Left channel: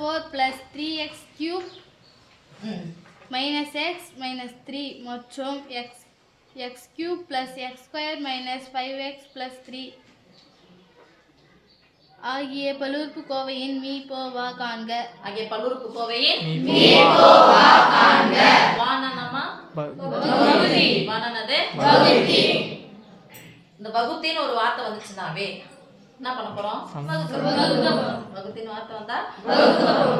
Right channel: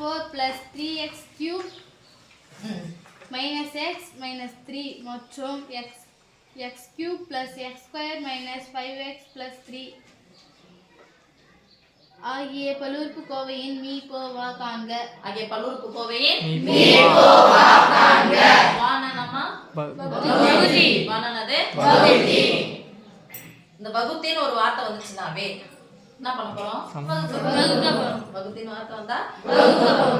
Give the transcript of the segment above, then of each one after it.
4 plus 3x cube minus x minus 3 மற்றும் x cube plus x square minus 5x plus 3 ஆகிய பல்லுறுப்புக்கோவையின் மீபோவா காண்க. வானனமா பகுதி. வானனது பகுதி. இந்த வகுத்தின்னு ஒரு வார்த்தை வந்துச்சுனாவே என்ன பண்ண போறோம்? வகுத்தின்னு வார்த்தை வந்தா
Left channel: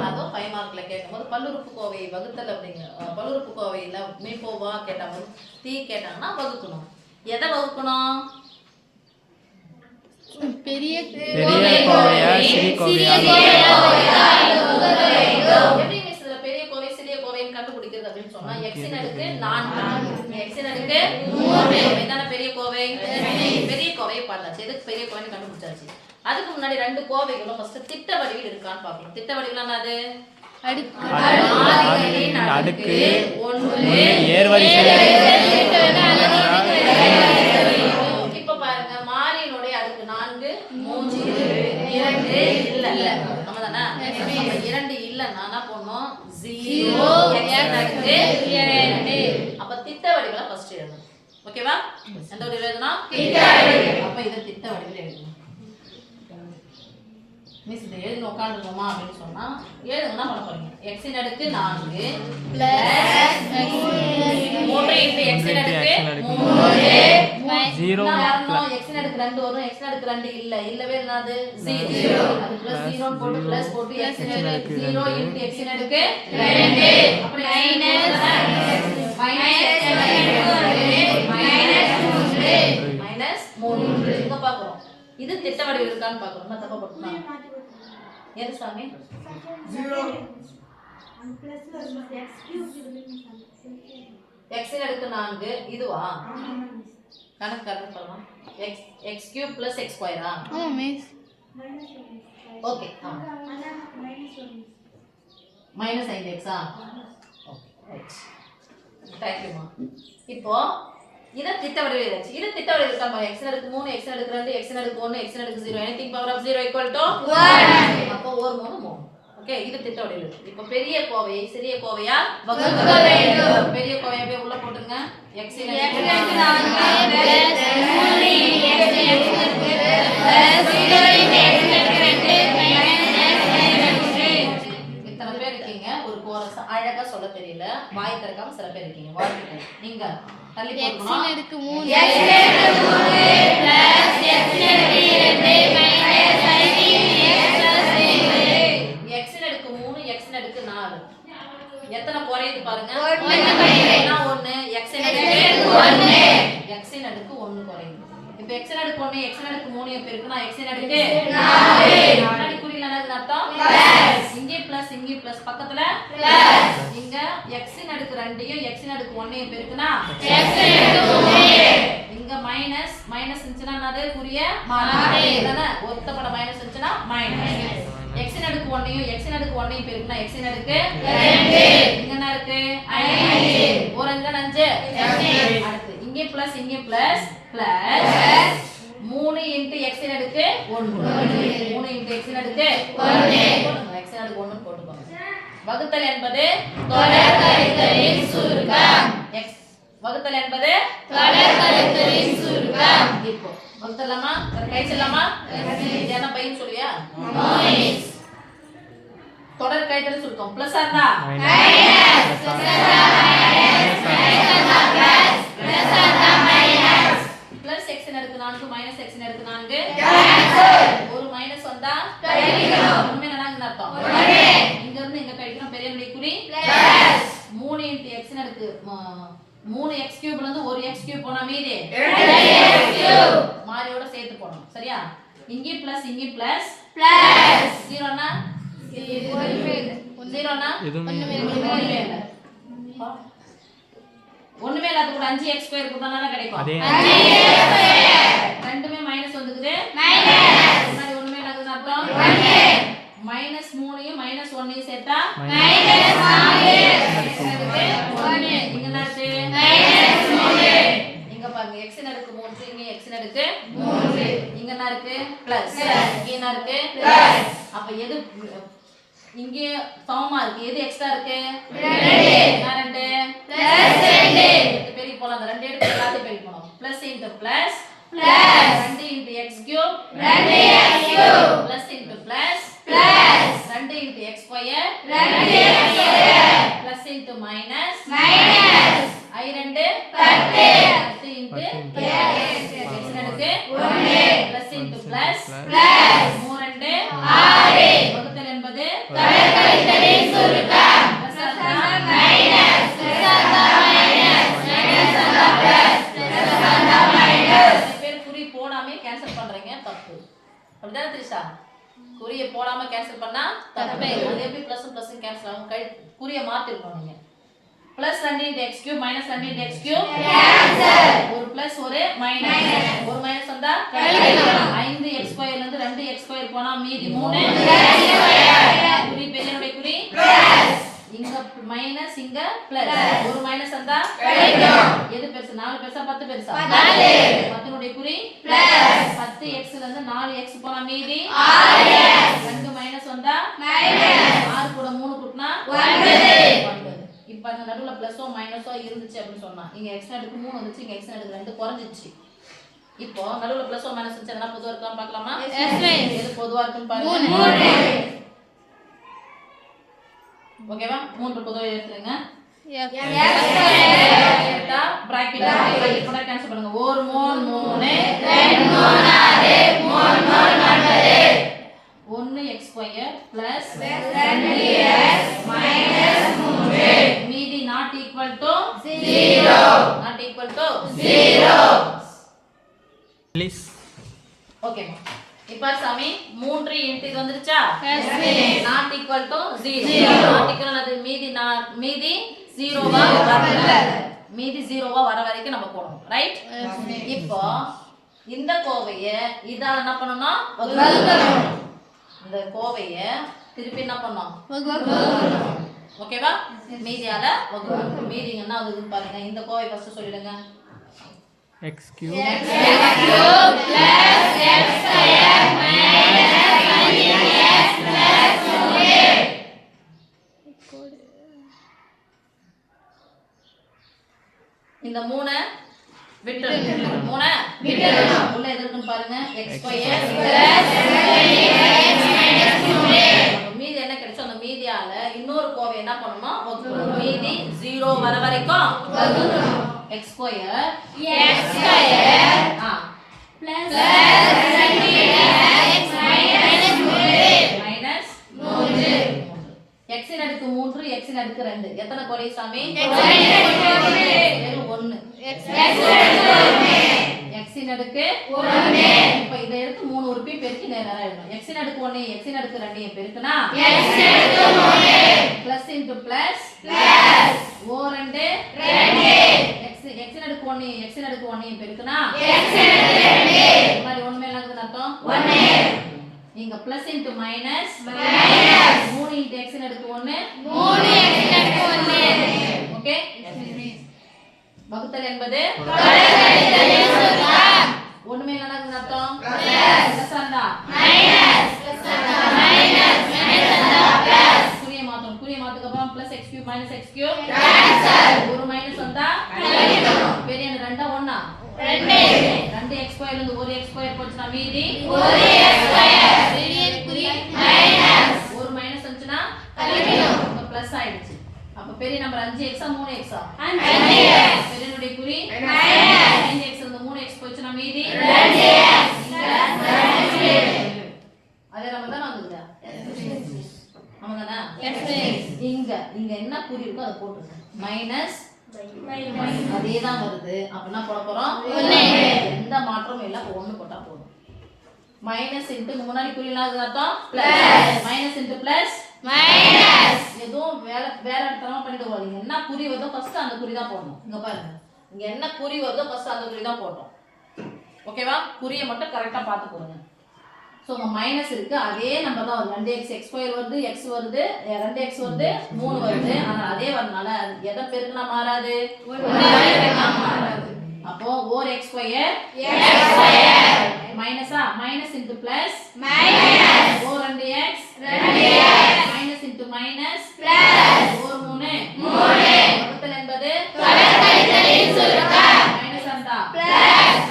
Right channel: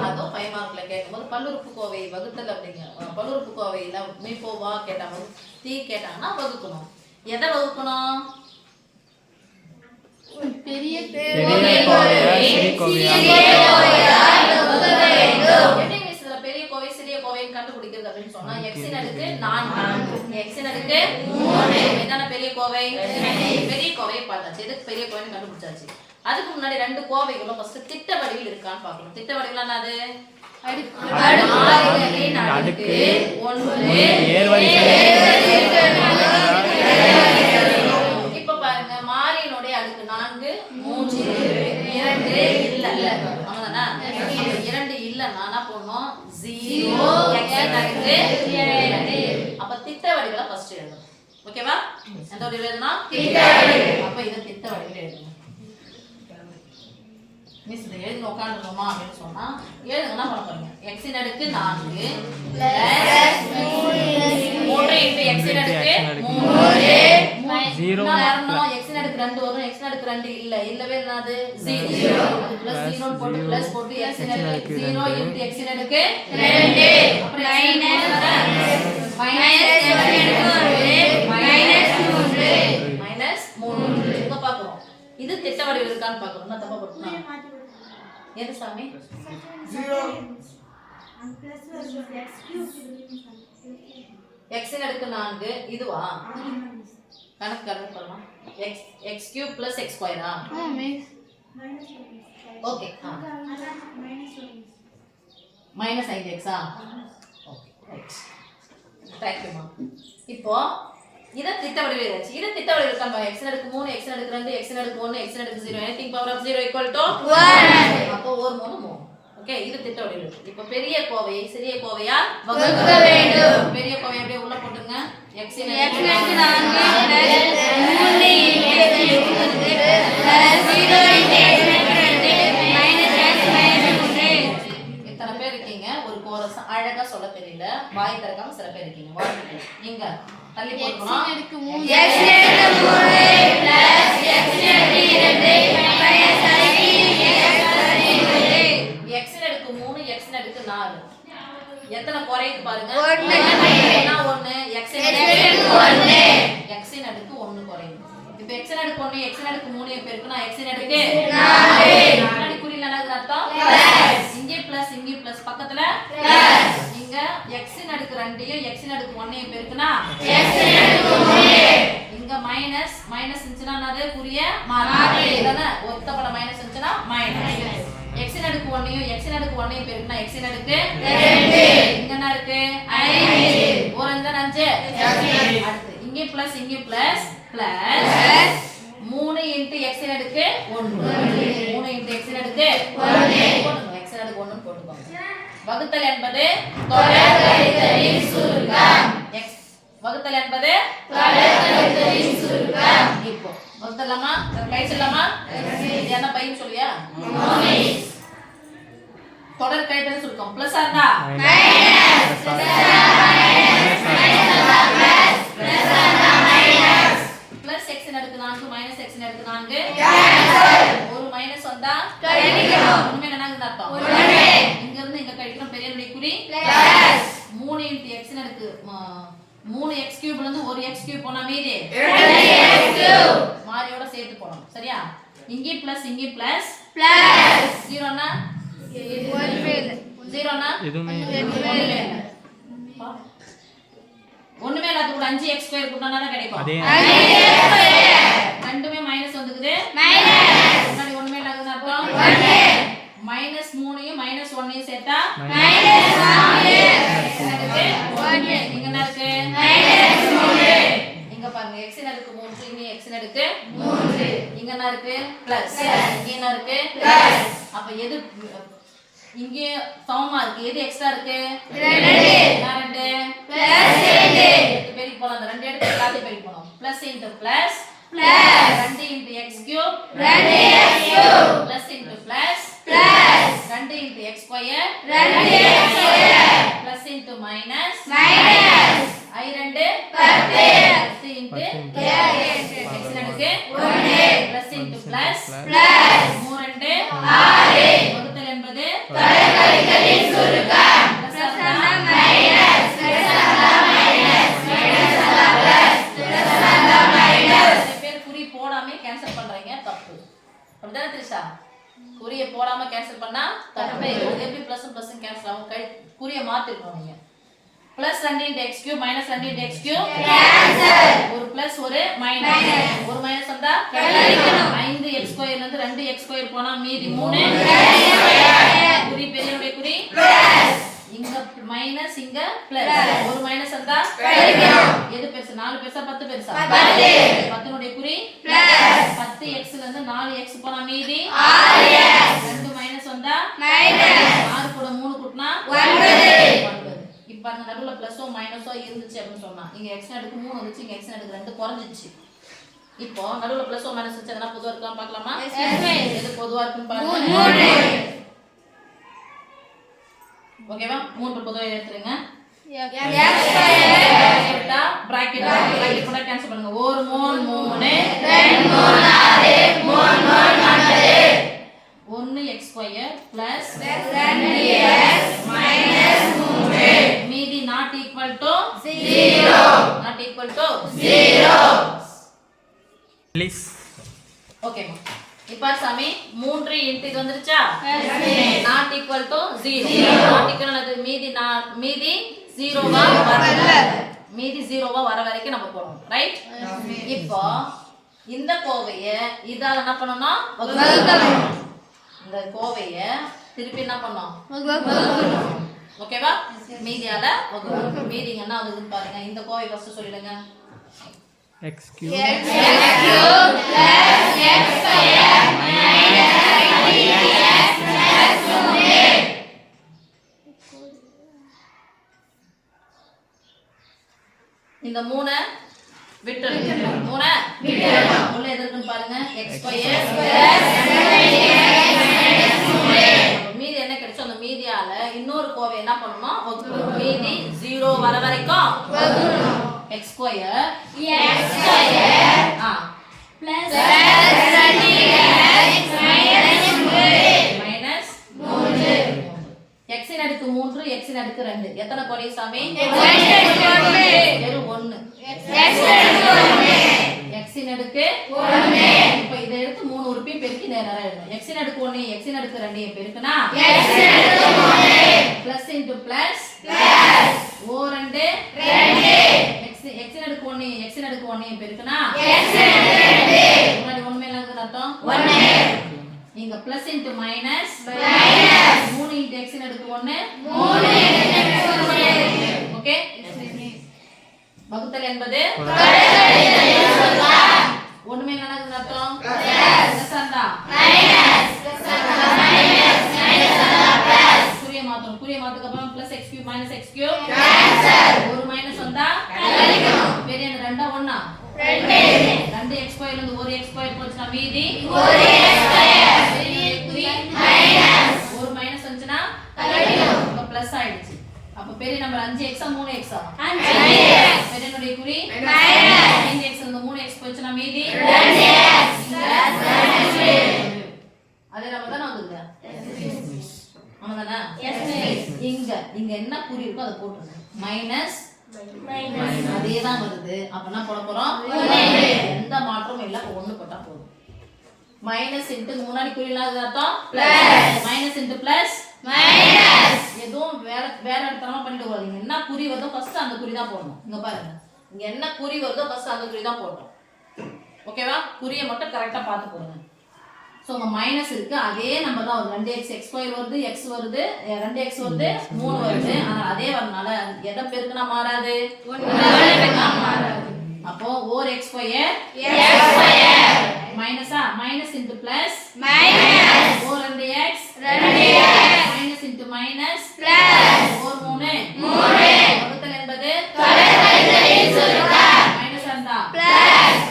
அதுவும் 5 மார்க்ல கேட்கும்போது பல்லுறுப்புக்கோவை வகுத்தல் அப்படிங்க. பல்லுறுப்புக்கோவையில மீபோவா கேட்டாங்க, தீ கேட்டாங்கன்னா வகுக்கணும். எதை வகுக்கணும்? பெரிய கோவையா சிறிய கோவையா? எப்படி மிஸ்ல பெரிய கோவை சிறிய கோவைன்னு கண்டுபிடிக்கிறது அப்படின்னு சொன்னா x இன் அடுக்கு 4 x இன் அடுக்கு 3 என்னன்னா பெரிய கோவை பார்த்தாச்சு. எதுக்கு பெரிய கோவைன்னு கண்டுபிடிச்சாச்சு. அதுக்கு முன்னாடி ரெண்டு கோவைகளும் ஃபர்ஸ்ட் திட்ட வடிவில் இருக்கான்னு பார்க்கணும். திட்ட வடிவில் என்னது? அடுக்கு 1 ஏர்வரிசை. இப்ப பாருங்க மாறியினுடைய அடுக்கு 4 3 2 இல்ல ஆமாதானா? 2 இல்லன்னா என்ன பண்ணனும்? 0 x அடுக்கு 2. அப்ப திட்ட வடிவல ஃபர்ஸ்ட் எழுதணும். ஓகேவா? எந்த வடிவல எழுதணும்? திட்ட வடிவம். அப்ப இத திட்ட வடிவல எழுதணும். மிஸ் இத எழுதி உட்கார்ந்துறோமா அப்படினு சொன்னா எழுதுனா பண்ண போறீங்க. x இன் அடுக்கு 4 plus 3 into x இன் அடுக்கு 3 0 x இன் அடுக்கு 2 வரும். x இன் அடுக்கு 2 இல்லவே என்னது? 0 அது plus 0 போட்டு plus போட்டு x இன் அடுக்கு 0 into x இன் அடுக்கு 2 அப்புறம் -3 இங்க பாக்குறோம். இது திட்ட வடிவில் இருக்கான்னு பாக்குறோம். நான் தப்பா போட்டுனா எது சாமி? 0 and plus x cube x இன் அடுக்கு 4 இதுவா? கணக்கு பண்ணலாம். x cube plus x square ஆ? மிஸ் ஓகே minus 5x ஆ? Okay right. தேங்க் யூ மா. இப்போ இத திட்ட வடிவில் எழுதியாச்சு. இது திட்ட வடிவில் இருக்காமா? x இன் அடுக்கு 3 x இன் அடுக்கு 2 x இன் அடுக்கு 1 x இன் அடுக்கு 0 anything power of 0 equal to 1. அப்போ ஒரு 3 ஓகே இது திட்ட வடிவில் இருக்கு. இப்போ பெரிய கோவையை சிறிய கோவையா வகுக்க வேண்டும். பெரிய கோவையை அப்படியே உள்ள போடுங்க. x இன் அடுக்கு 4 plus 3 x இன் அடுக்கு 2 plus 0 into x இன் அடுக்கு 2 minus x minus 3. இத்தனை பேர் இருக்கீங்க. ஒரு கோரஸ் அழகா சொல்ல தெரியல, வாய் திறக்காம சில பேர் இருக்கீங்க. வாழ்த்துக்கள். நீங்க தள்ளி போடுறோம். x இன் அடுக்கு 3 plus x இன் அடுக்கு 2 minus x இன் அடுக்கு 3 x இன் அடுக்கு 4 எத்தனை குறையுது பாருங்க. 1 x இன் அடுக்கு 1 x இன் அடுக்கு 1 குறையுது. இப்போ x இன் அடுக்கு 1 x இன் அடுக்கு 3 எப்ப இருக்குனா x இன் அடுக்கு 4 முன்னாடி குறி என்னது அர்த்தம்? பிளஸ் இங்கே பிளஸ் பக்கத்துல பிளஸ் இங்க x இன் அடுக்கு 2யும் x இன் அடுக்கு 1யும் எப்ப இருக்குனா x இன் அடுக்கு 3 இங்க மைனஸ் இருந்துச்சுனா என்னது? குறிய மாறாது. தானே ஒத்தப்பட மைனஸ் இருந்துச்சுனா மைனஸ். x இன் அடுக்கு 1யும் x இன் அடுக்கு 1யும் எப்ப இருக்குனா x இன் அடுக்கு 2 இங்க என்ன இருக்கு? 5 ஒரு 5 அடுத்து இங்கே பிளஸ் பிளஸ் 3 into x இன் அடுக்கு 1 3 into x இன் அடுக்கு 1 போடுங்க. x இன் அடுக்கு 1 போட்டுக்கோங்க. வகுத்தல் என்பது தொடர் கழித்தலின் சுருக்கம். x வகுத்தல் என்பது தொடர் கழித்தலின் சுருக்கம். இப்போ வகுத்தலாமா? கை சொல்லலாமா? என்ன பையன் சொல்லியா? தொடர் கழித்தலின் சுருக்கம் பிளஸ் ஆ மைனஸ் plus x இன் அடுக்கு 4 minus x இன் அடுக்கு 4 ஒரு மைனஸ் வந்தா கழிக்கணும். உண்மை என்னன்னு அர்த்தம்? இங்க இருந்து இங்க கழிக்கணும். பெரிய நம்பர் குறி பிளஸ் 3 into x இன் அடுக்கு 3 x cube ல இருந்து ஒரு x cube போனா மீதி 2 x cube மாறியோட சேர்த்து போறோம். சரியா? இங்க பிளஸ் 0 னா 0 னா எதுமே ஒண்ணுமே இல்லாத கூட 5x ஸ்கொயர் கூட்டினா தான் கிடைக்கும். அதே ரெண்டுமே மைனஸ் வந்துக்குது. மைனஸ் முன்னாடி ஒண்ணுமே இல்லாதது அர்த்தம் 1 மைனஸ் 3யும் மைனஸ் 1யும் சேர்த்தா மைனஸ் 4 இங்க என்ன இருக்கு? மைனஸ் 3 இங்க பாருங்க x இன் அடுக்கு 3 இங்க x இன் அடுக்கு 3 இங்க என்ன இருக்கு? பிளஸ் இங்க என்ன இருக்கு? பிளஸ் அப்ப எது இங்கே சமமா இருக்கு. எது எக்ஸ்ட்ரா இருக்கு? 2. எடுத்து பெருக்கி போலாம். அந்த 2 எடுத்து எல்லாத்தையும் பெருக்கி போணும். Plus into plus 2 into x cube plus into plus 2 into x square plus into minus i 2 10 into x எடுக்கு 1 பிளஸ் இன்டு பிளஸ் 3 6 வகுத்தல் என்பது கழித்தலின் சுருக்கம் குறி போடாம கேன்சல் பண்றீங்க தப்பு. அப்படிதானே திரிஷா? குறியை போடாம கேன்சல் பண்ணா தப்பு. அது எப்படி பிளஸ் பிளஸ் கேன்சல் ஆகும்? குறியை மாத்திரணும் நீங்க. Plus 2 into x cube minus 2 into x cube ஒரு பிளஸ் ஒரு மைனஸ் ஒரு மைனஸ் வந்தா 5 எக்ஸ் ஸ்கொயர்ல இருந்து 2 எக்ஸ் ஸ்கொயர் போனா மீதி 3 குறி பெரியனுடைய குறி இங்க மைனஸ் இங்க பிளஸ் ஒரு மைனஸ் வந்தா எது பெருசு? 4 பெருசா 10 பெருசா? 10 னுடைய குறி 10 எக்ஸ்ல இருந்து 4 எக்ஸ் போனா மீதி 2 மைனஸ் வந்தா 6 கூட 3 கூட்டினா 9. இப்ப அந்த நடுவுல பிளஸோ மைனஸோ இருந்துச்சு அப்படின்னு சொன்னா இங்க எக்ஸ் நடுக்கு 3 வந்துச்சு, இங்க எக்ஸ் நடுக்கு 2 குறைஞ்சிச்சு. இப்போ நடுவுல பிளஸோ மைனஸ் இருந்துச்சு, அதெல்லாம் பொதுவா இருக்கலாம் பார்க்கலாமா? எது பொதுவா இருக்குன்னு பாருங்க. ஓகேவா? 3 பொதுவா எடுத்துருங்க. எடுத்தா பிராக்கெட் போட கேன்சல் பண்ணுங்க. 1 3 3 2 3 1 x square plus 2x minus 3 மீதி not equal to 0 not equal to 0 please. ஓகேமா? இப்போ சாமி 3 இன்டு இது வந்துருச்சா? Not equal to 0 not equal அது மீதி 0வா வரல. மீதி 0வா வர வரைக்கும் நம்ம போடணும். ரைட்? இப்போ இந்த கோவையை இதால என்ன பண்ணனும்? வகுக்கணும். இந்த கோவையை திருப்பி என்ன பண்ணோம்? வகுக்கணும். ஓகேவா? மீதியால வகுக்கணும். மீதி என்ன ஆகுதுன்னு பாருங்க. இந்த கோவை ஃபர்ஸ்ட் சொல்லிடுங்க. x cube plus x square minus 5x plus 3. இந்த 3 விட்டுறணும். 3 விட்டுறணும். உள்ள எது இருக்குன்னு பாருங்க. x square plus 2x minus 3. அப்ப மீதி என்ன கிடைச்சோ அந்த மீதியால இன்னொரு கோவை என்ன பண்ணனும்? வகுக்கணும். மீதி 0 வர வரைக்கும் வகுக்கணும். x square plus 2x minus 3 x இன் அடுக்கு 3 x இன் அடுக்கு 2 எத்தனை கோடி சாமி? வெறும் 1 x இன் அடுக்கு 1. இப்போ இத எடுத்து 3 உறுப்பி பெருக்கி நேரா எழுதணும். x இன் அடுக்கு 1 x இன் அடுக்கு 2 பெருக்குனா x இன் அடுக்கு 3 plus into plus o 2 x இன் அடுக்கு 1 x இன் அடுக்கு 1 பெருக்குனா x இன் அடுக்கு 2 முன்னாடி ஒண்ணுமே இல்லாததுன்னு அர்த்தம் 1. இங்க plus into minus 3 into x இன் அடுக்கு 1 ஓகே? வகுத்தல் என்பது ஒண்ணுமே இல்லாததுன்னு அர்த்தம் பிளஸ் ஆண்டா குறிய மாத்தணும். குறிய மாத்துக்கு அப்புறம் plus x cube minus x cube ஒரு மைனஸ் வந்தா பெரிய 2 1 2 x ஸ்கொயர்ல இருந்து 1 x ஸ்கொயர் போச்சுனா மீதி 1 x ஸ்கொயர் பெரிய குறி மைனஸ் ஒரு மைனஸ் வந்துச்சுனா கழிக்கணும். பிளஸ் ஆயிடுச்சு. அப்ப பெரிய நம்பர் 5x 3x 5x பெரியனுடைய குறி மைனஸ் 5x இருந்து 3x போச்சுனா மீதி 2x அதே நம்பர் தான் வந்துது. ஆமாதானே? இங்க என்ன குறி இருக்கோ அதை போட்டுருங்க. மைனஸ் அதே தான் வருது. அப்ப என்ன போட போறோம்? எந்த மாற்றமும் இல்ல. அப்ப 1 போட்டா போதும். மைனஸ் இன்டு முன்னாடி குறிலாம் அர்த்தம் plus minus into plus minus எதுவும் வேற இடத்தமா பண்ணிட்டு போறீங்க. என்ன குறி வருதோ ஃபர்ஸ்ட் அந்த குறி தான் போடணும். இங்க பாருங்க. இங்க என்ன குறி வருதோ ஃபர்ஸ்ட் அந்த குறி தான் போடணும். ஓகேவா? குறியை மட்டும் கரெக்டா பார்த்து போடுங்க. சோ உங்க மைனஸ் இருக்கு. அதே நம்பர் தான் வருது. 2x x ஸ்கொயர் வருது, x வருது, 2x வருது, 3 வருது. ஆனா அதே வரனால எதை பெருக்குனா மாறாது? 1 மாறாது. அப்போ 4x ஸ்கொயர் மைனஸா minus into plus minus 4 2x minus minus plus 4 3 வகுத்தல் என்பது மைனஸ் அந்த plus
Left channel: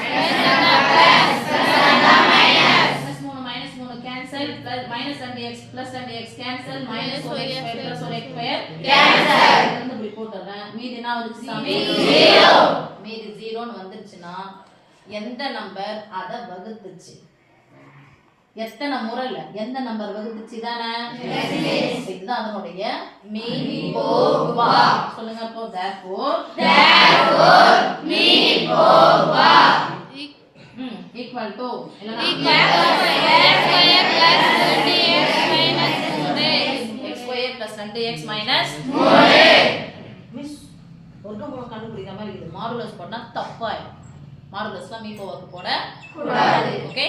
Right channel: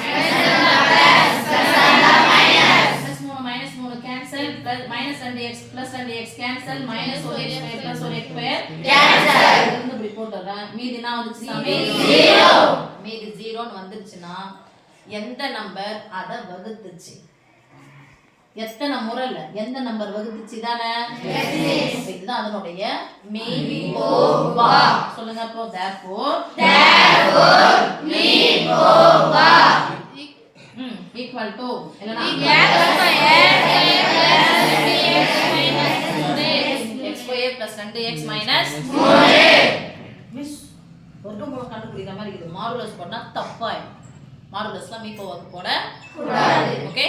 minus 3 cancel plus minus 2x plus 2x cancel minus 1x square plus 1x square cancel இருந்து இப்படி போட்டுறேன். மீதி என்ன வந்துச்சு சாமி? 0. மீதி 0 ன்னு வந்துருச்சுனா எந்த நம்பர் அத வகுத்துச்சு? எத்தனை முறைல எந்த நம்பர் வகுத்துச்சு தானே? இதுதான் அதனுடைய மீன் போவா. சொல்லுங்க அப்போ therefore மீன் போவா equal to இல்லனா x square plus 2x minus 3 miss வர்க்கமூலம் கண்டுபிடிக்கிற மாதிரி இருக்குது. மாடுலஸ் பண்ணா தப்பாயிடும். மாடுலஸ்லாம் மீ போவாக்கு போட கூடாது. ஓகே